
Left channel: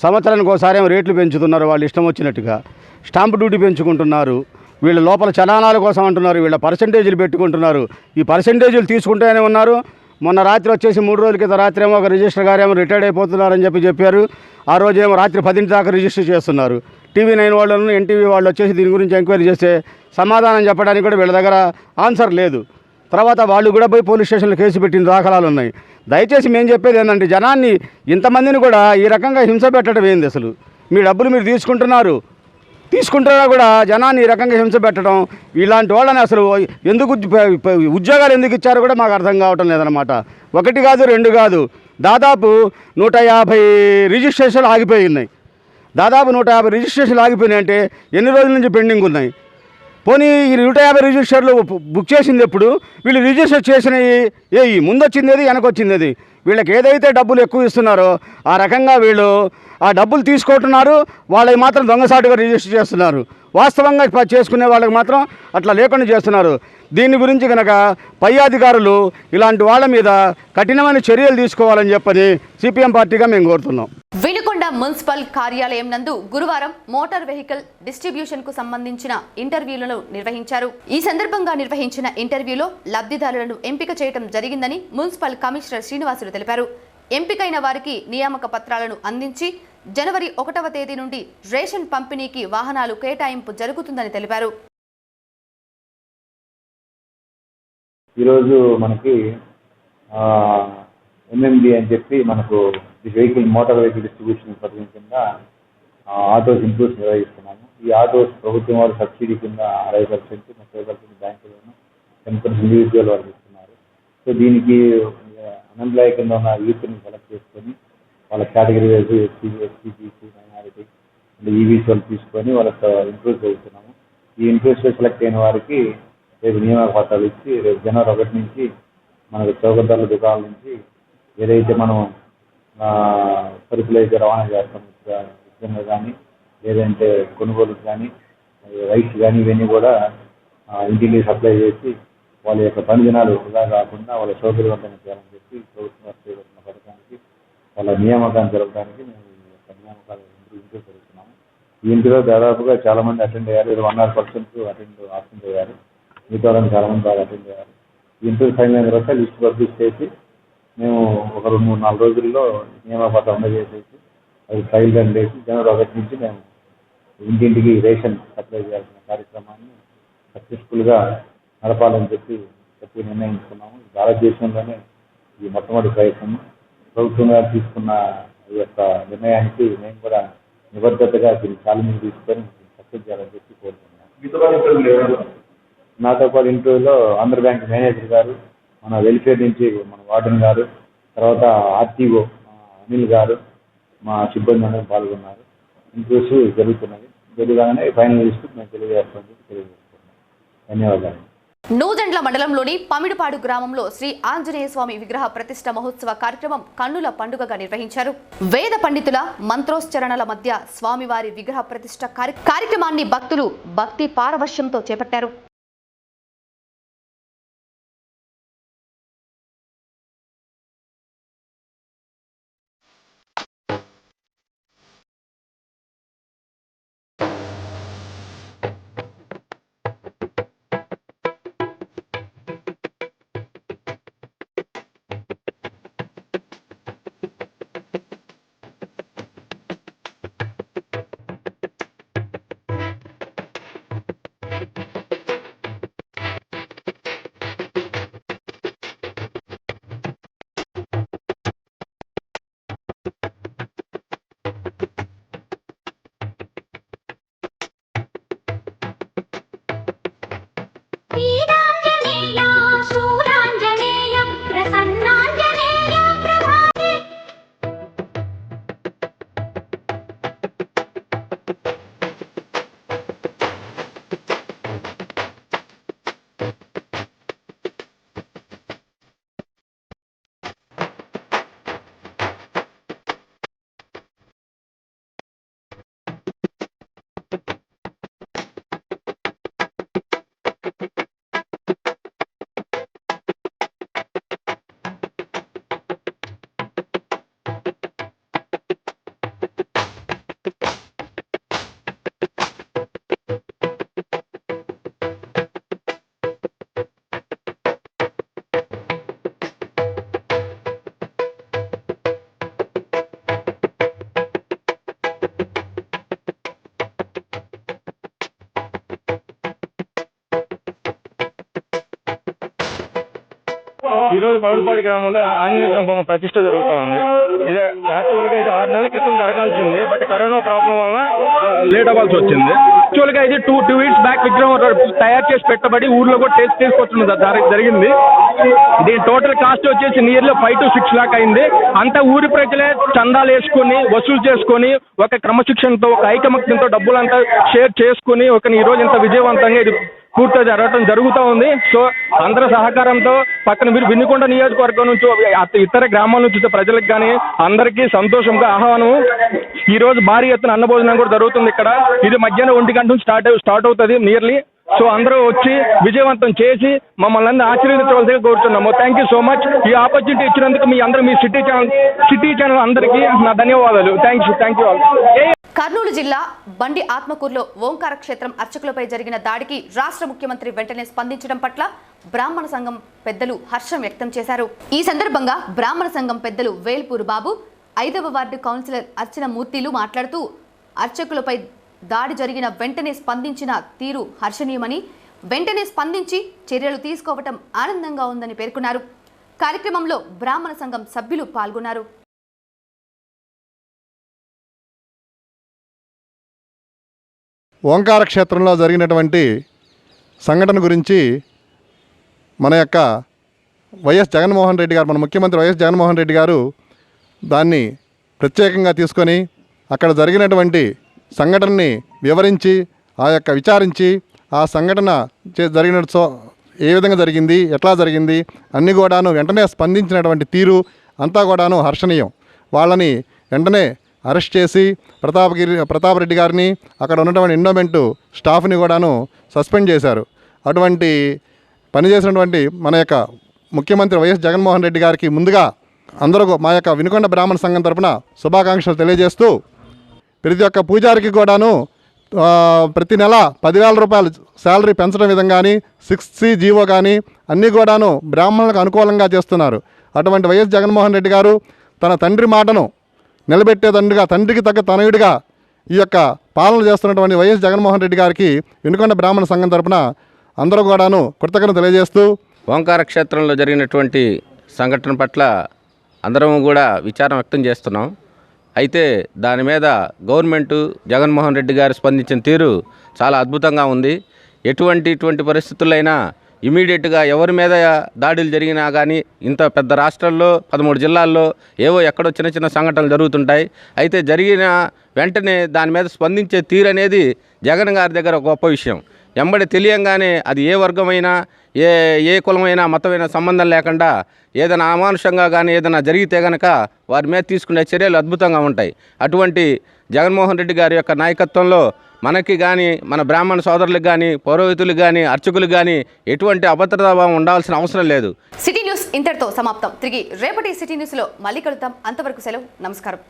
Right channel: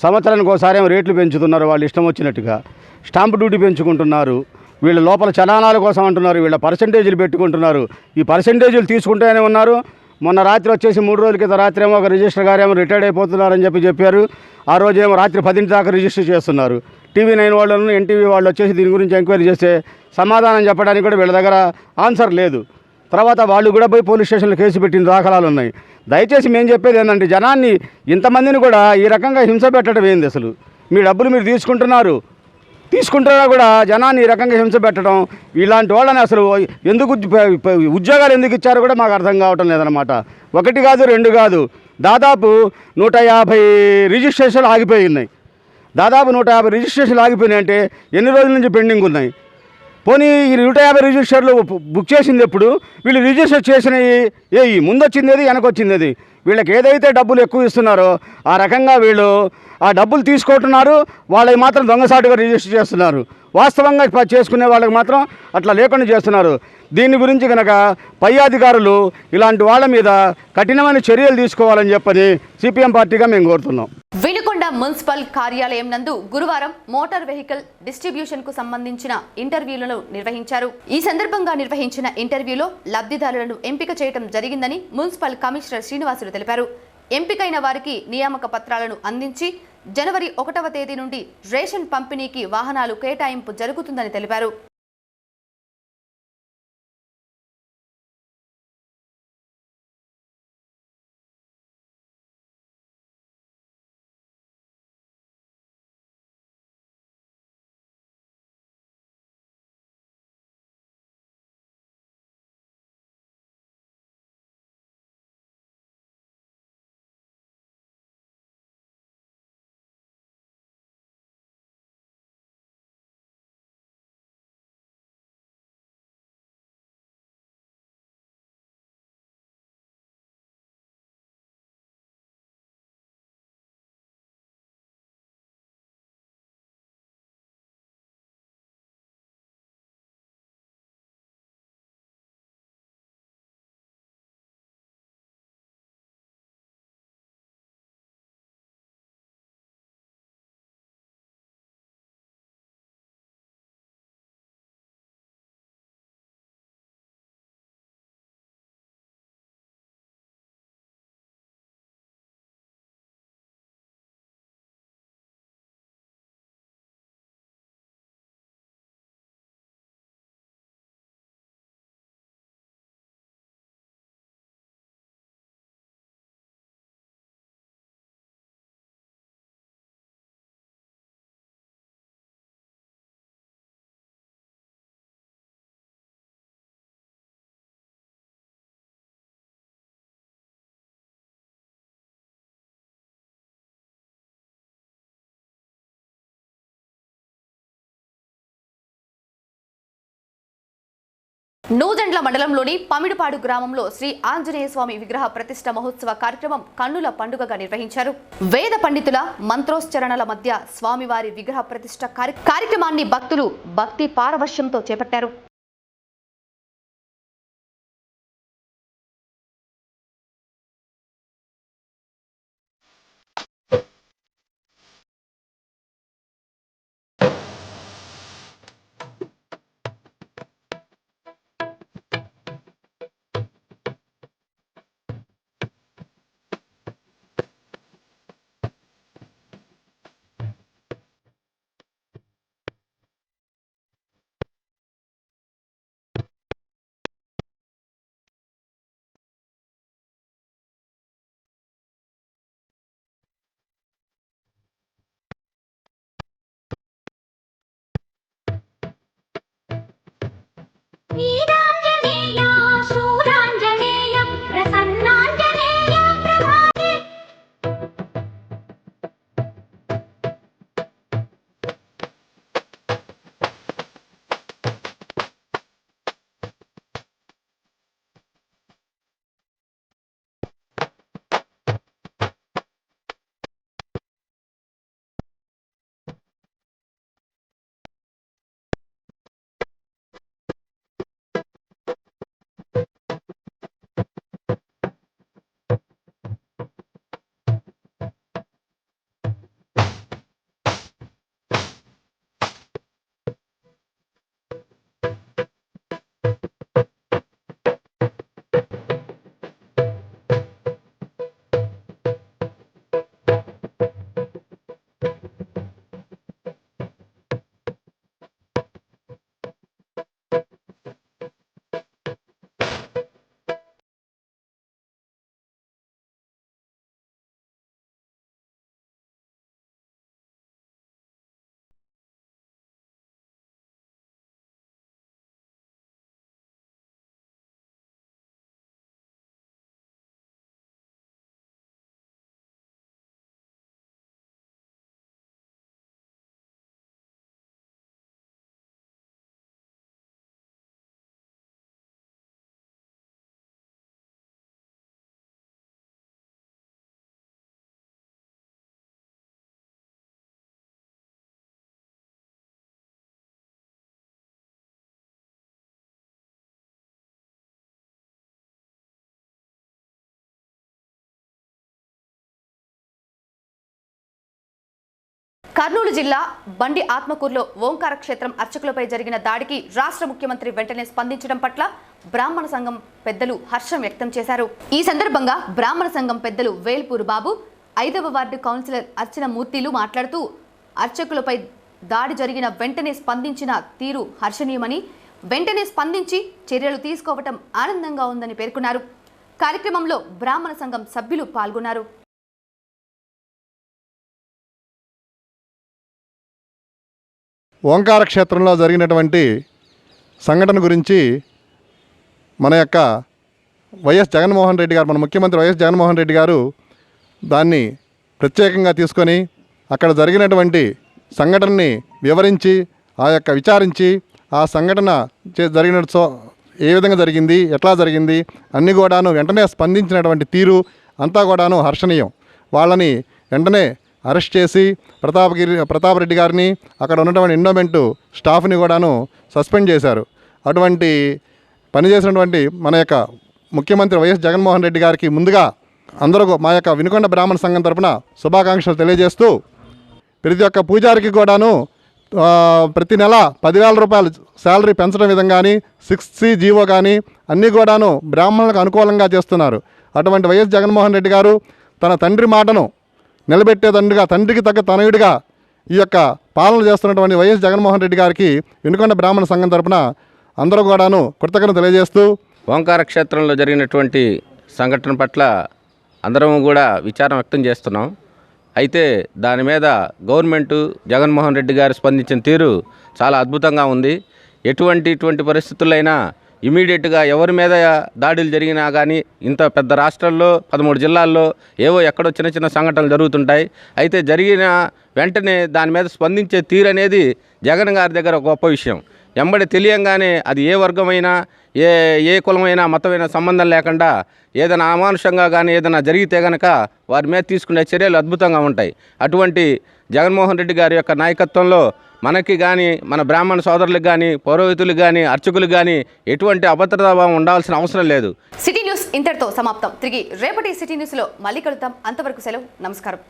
సంవత్సరానికి ఒకసారి ఏమో రేట్లు పెంచుతున్నారు వాళ్ళు ఇష్టం వచ్చినట్టుగా. స్టాంప్ డ్యూటీ పెంచుకుంటున్నారు. వీళ్ళ లోపల చలానాల కోసం అంటున్నారు, వీళ్ళ పర్సంటేజీలు పెట్టుకుంటున్నారు. ఈ పర్సంటేజీలు తీసుకుంటూనే ఉన్నారు. మొన్న రాత్రి వచ్చేసి 3 రోజుల క్రితం రాత్రి ఏమో ఒక రిజిస్టర్ గారు ఏమో రిటైర్డ్ అయిపోతున్నారని చెప్పారు. ఆ రోజు ఏమో రాత్రి 10 దాకా రిజిస్టర్ చేస్తున్నారు. TV9 వాళ్ళను ఎన్టీవీ వాళ్ళు వచ్చేసి దీని గురించి ఎంక్వైరీ చేస్తే సమాధానం చెప్పడానికి కూడా వీళ్ళ దగ్గర ఆన్సర్ లేదు. తర్వాత వాళ్ళు కూడా పోయి పోలీస్ స్టేషన్లో కేసు పెట్టిన దాఖలాలు ఉన్నాయి. దయచేసి మేము చెప్పేది ఏంటంటే జనాన్ని ఇంతమందిని కూడా ఈ రకంగా హింస పెట్టడం ఏంది? అసలు మీ డబ్బులు మీరు తీసుకుంటున్నా కూడా జనాన్ని ఈ రకంగా హింస పెట్టడం, ఇలాంటి వాళ్ళని అసలు ఎందుకు ఉద్యోగాలు ఎందుకు ఇచ్చారో కూడా మాకు అర్థం కావటం లేదనమాట. 1 కాదు 2 కాదు, దాదాపు 150 రిజిస్ట్రేషన్లు ఆగిపోయి ఉన్నాయి. దాదాపు 150 రిజిస్ట్రేషన్లు ఆగిపోయినాయంటే ఎన్ని రోజుల నుంచి పెండింగ్ ఉన్నాయి? పోనీ ఈ 150 రిజిస్టర్లు బుక్ చేసింది ఎప్పుడు? వీళ్ళు రిజిస్టర్ చేసినవి ముందు వచ్చింది ఏది, వెనకొచ్చింది ఏది? వీళ్ళకి ఏదైతే డబ్బులు ఎక్కువ ఇస్తున్నారో ఆ రకంగా వీళ్ళు ఆ డబ్బులు తీసుకుంటున్నారు. వాళ్ళకి మాత్రం దొంగసాటుగా రిజిస్టర్ చేస్తున్నారు. వాస్తవంగా చేసుకునే వాళ్ళకి మాత్రం అట్లా లేకుండా చేస్తున్నారు. దీని గురించి కనుక పై అధికారులు ఇలాంటి వాళ్ళ మీద కఠినమైన చర్యలు తీసుకోవాలని చెప్పని సిపిఎం పార్టీగా మేము కోరుతున్నాం. వినుకొండ మున్సిపల్ కార్యాలయం నందు గురువారం మోటార్ వెహికల్ డిస్ట్రిబ్యూషన్ కు సంబంధించిన ఇంటర్వ్యూలను నిర్వహించారు. ఈ సందర్భంగా నిర్వహించిన ఇంటర్వ్యూలో లబ్ధిదారులను ఎంపిక చేయడం జరిగిందని మున్సిపల్ కమిషనర్ శ్రీనివాసులు తెలిపారు. ఎంపికైన వారికి నియామక పత్రాలను అందించి జనవరి 1వ తేదీ నుండి రేషన్ పంపిణీకి వాహనాలు కేటాయింపు జరుగుతుందని తెలిపారు. ఈరోజు మనకి MMD అని చెప్పి మనకు మోటార్ వెహికల్ డిస్ట్రిబ్యూషన్ పథకం కింద ఆటోస్ ఇంప్రూవ్స్ నిర్వహిస్తున్నాము. ఈ ఆటోస్ ప్రభుత్వం వారు సబ్సిడీ కింద 60%, 30% బ్యాంకులను 10% ఇండివిజువల్ వాళ్ళు ఇస్తున్నారు. సో దీనికి అన్ఎంప్లాయ్ కింద ఉన్న యూత్ని సెలెక్ట్ చేసుకొని వాళ్ళ category wise SC, minority EVs వాళ్ళు తీసుకొని వాళ్ళకి ఇంప్రూవ్ చేస్తున్నాము. ఈ ఇంప్రూవ్స్లో సెలెక్ట్ అయిన వారికి రేపు నియామక పత్రాలు ఇచ్చి రేపు జనవరి 1 నుంచి మనకు చౌకధరల దుకాణాల నుంచి ఏదైతే మనం సరుకులు అయితే రవాణా చేస్తాం ఉచితంగా కానీ, లేదంటే కొనుగోలుకు కానీ, రైస్ కానీ, ఇవన్నీ కూడా ఇంటికి సప్లై చేసి వాళ్ళ యొక్క పని దినాలు వృధా కాకుండా వాళ్ళ సౌకర్యవంతంగా చేయాలని చెప్పి ప్రభుత్వం చేపట్టిన పథకానికి వాళ్ళ నియామకాన్ని జరపడానికి మేము ఈ యొక్క నియామకాలు ఇంప్రూవ్ జరుగుతున్నాము. ఈ ఇంటిలో దాదాపుగా చాలామంది అటెండ్ అయ్యారు. 100% అటెండ్ అయ్యారు. మిగతా వాళ్ళని చాలామంది బాగా అటెండ్ అయ్యారు. ఈ ఇంటర్వ్యూ ఫైనల్ అయిన తర్వాత లిస్ట్ పబ్లిష్ చేసి మేము ఒక 2-3-4 రోజుల్లో నియామక పత్రం అందజేసేసి అది ఫైల్ రన్ చేసి జనవరి 1 నుంచి మేము ఇంటింటికి రేషన్ సప్లై చేయాల్సిన కార్యక్రమాన్ని సక్సెస్ఫుల్గా నడపాలని చెప్పి నిర్ణయించుకున్నాము. భారతదేశంలోనే ఈ మొట్టమొదటి ప్రయత్నం. ప్రభుత్వంగా తీసుకున్న ఈ యొక్క నిర్ణయానికి మేము కూడా నిబద్ధతగా దీన్ని ఛాలెంజ్ తీసుకొని సక్సెస్ చేయాలని చెప్పి కోరుతున్నాం. నాతో పాటు ఇంటర్వ్యూలో ఆంధ్ర బ్యాంక్ మేనేజర్ గారు, మన వెల్ఫేర్ నుంచి మన వార్డెన్ గారు, తర్వాత RTO అనిల్ గారు, మా సిబ్బంది అందరూ పాల్గొన్నారు. ఇంటర్వ్యూస్ జరుగుతున్నది. జరగగానే ఫైనల్ లిస్ట్ మేము తెలియజేస్తున్నాం. ధన్యవాదాలు. నూజెండ్ల మండలంలోని పమిడిపాడు గ్రామంలో శ్రీ ఆంజనేయ స్వామి విగ్రహ ప్రతిష్ఠ మహోత్సవ కార్యక్రమం కన్నుల పండుగగా నిర్వహించారు. వేద పండితుల మంత్రోచ్చరణల మధ్య స్వామివారి విగ్రహ ప్రతిష్ఠ కార్యక్రమాన్ని భక్తులు భక్తి పారవశ్యంతో చేపట్టారు. Ida ఈరోజు పౌడపాడి గ్రామంలో ఆంజనేయ స్వామి బొమ్మ ప్రతిష్ట జరుగుతూ ఉంది. ఇది యాక్చువల్గా ఇది 6 నెలల క్రితం జరగాల్సింది, బట్ కరోనా ప్రాబ్లం వల్ల లేట్ అవ్వాల్సి వచ్చింది. యాక్చువల్గా ఇది టూ వీక్స్ బ్యాక్ విగ్రహం తయారు చేసి పెట్టబడి ఊర్లో కూడా తీసుకొచ్చిన జరిగింది. దీని టోటల్ కాస్ట్ వచ్చేసి నియర్లీ 5 to 6 లాక్ అయింది. అంతా ఊరి ప్రజలే చందాలు వేసుకొని వసూలు చేసుకొని ఒక క్రమశిక్షణతో ఒక ఐకమత్యంతో డబ్బులంతా షేర్ చేసుకుని ఈ రోజు ఇంత విజయవంతంగా ఇది పూర్తిగా జరగడం జరుగుతూ ఉంది. సో అందరి సహకారంతో పక్కన వినుకొండ నియోజకవర్గం నుంచి ఇతర గ్రామాల నుంచి ప్రజలకు కానీ అందరికీ సంతోషంగా ఆహ్వానం. ఈ రోజు భారీ ఎత్తున అన్నభోజనం కూడా జరుగుతుంది ఇక్కడ. ఇది మధ్యాహ్నం 1 గంట నుంచి స్టార్ట్ అవుతుంది నియర్లీ. సో అందరూ వచ్చి విజయవంతం చేసి మమ్మల్ని ఆశీర్వదించవలసిగా కోరుతున్నాము. Thank you so much. ఈ ఆపర్చునిటీ ఇచ్చినందుకు మీ సిటీ ఛానల్ అందరికీ నా ధన్యవాదాలు. Thank you all. కర్నూలు జిల్లా బండి ఆత్మకూరులో ఓంకార క్షేత్రం అర్చకులపై జరిగిన దాడికి రాష్ట్ర ముఖ్యమంత్రి వెంటనే స్పందించడం పట్ల బ్రాహ్మణ సంఘం పెద్దలు హర్షం వ్యక్తం చేశారు. ఈ సందర్భంగా బ్రాహ్మణ సంఘం పెద్దలు వేల్పూరు బాబు, 5వ వార్డు కౌన్సిలర్ అర్చన మూర్తిలు మాట్లాడుతూ అర్చకులపై దాడి జరిగిన వెంటనే స్పందించిన తీరు హర్షణీయమని, వెంటనే స్పందించి చర్యలు తీసుకోవటం ఆనందంగా ఉందని పేర్కొన్నారు. కార్యక్రమంలో బ్రాహ్మణ సంఘం సభ్యులు పాల్గొన్నారు. ఓంకార క్షేత్రంలో జరిగినటువంటి సంఘటన గురించి మన యొక్క వైఎస్ జగన్మోహన్ రెడ్డి గారు, మన ముఖ్యమంత్రి వైఎస్ జగన్మోహన్ రెడ్డి గారు దాన్ని ప్రత్యేకంగా తీసుకొని అక్కడ జరిగినటువంటి సంఘటనని వివరించి విచారించి ఆ సంఘటన జరిగిన ఏ విధంగా జరిగింది, ఎట్లా జరిగింది అన్నీ కూడాను వెంటనే స్పందించినటువంటి తీరు అంతా కూడాను హర్షణీయం. వాళ్ళని వెంటనే అరెస్ట్ చేసి ప్రతాపరెడ్డి గారిని, అక్కడ ఉన్నటువంటి ఎండోమెంటు స్టాఫ్ని కూడాను సస్పెండ్ చేశారు. అటువంటి పనిచేసినటువంటి మన యొక్క ముఖ్యమంత్రి వైఎస్ జగన్మోహన్ రెడ్డి గారికి ముందుగా అందరూ మా యొక్క వినుకొండ బ్రాహ్మణ సంఘం తరపున శుభాకాంక్షలు తెలియజేస్తూ, ప్రతి ఒక్క పూజారికి కూడాను ప్రతి నెల 10,000 రూపాయలు శాలరీ పెంచడం విధంగా కానీ 6C జీవో కానీ అన్నీ కూడాను బ్రాహ్మణులకు అనుకూలంగా చేస్తున్నారు. అటువంటి వైఎస్ జగన్మోహన్ రెడ్డి గారు తన తండ్రి మాటను నిలబెట్టేదండుగా, తండ్రికి తగ్గ తనయుడిగా ఈ యొక్క పాలన చేస్తున్నటువంటి వైఎస్ జగన్మోహన్ రెడ్డి గారికి వినుకొండ బ్రాహ్మణ సంఘం తరపున అందరూ కూడాను కృతజ్ఞతలు తెలియజేస్తూ, ఓంకార క్షేత్రంలో జరిగినటువంటి సంఘటన పట్ల అందరం కూడా విచారం వ్యక్తం చేస్తున్నాం. అయితే దాని మీద గవర్నమెంటు జగన్మోహన్ రెడ్డి గారు స్పందించిన తీరు చాలా అద్భుతంగా ఉంది. ఇటువంటి పరిస్థితులైనా ఇమీడియట్గా ఎవరి మీద దాడులు జరిగినా కానీ ఇంత పెద్ద రాష్ట్రాల్లో 13 జిల్లాల్లో ఏవో ఎక్కడో చిన్న సంఘటనలు జరుగుతుంటాయి. అయితే జరిగిన వెంటనే దాని మీద స్పందించే తీరు అనేది జగన్ గారి దగ్గర ఒక గొప్ప విషయం. ఎంబడి తెలియంగానే అది ఏ వర్గమైనా ఏ కులమైనా మతమైనా సంబంధం లేకుండా ఏదైనా అమానుషంగా కానీ ఏదైనా జరిగితే కనుక వారి మీద తీసుకునే చర్యలు అద్భుతంగా ఉంటాయి. అటువంటి జగన్మోహన్ రెడ్డి గారి యొక్క నాయకత్వంలో మనకి కానీ మన బ్రాహ్మణ సోదరులకు కానీ పౌరోహితులకు కానీ అర్చకులకు కానీ ఎటువంటి అభద్రతాభావం ఉండాల్సిన అవసరం లేదు. సిటీ న్యూస్ ఇంతటితో సమాప్తం. తిరిగి రేపటి సిటీ న్యూస్లో మళ్ళీ కలుద్దాం. అంతవరకు సెలవు. నమస్కారం.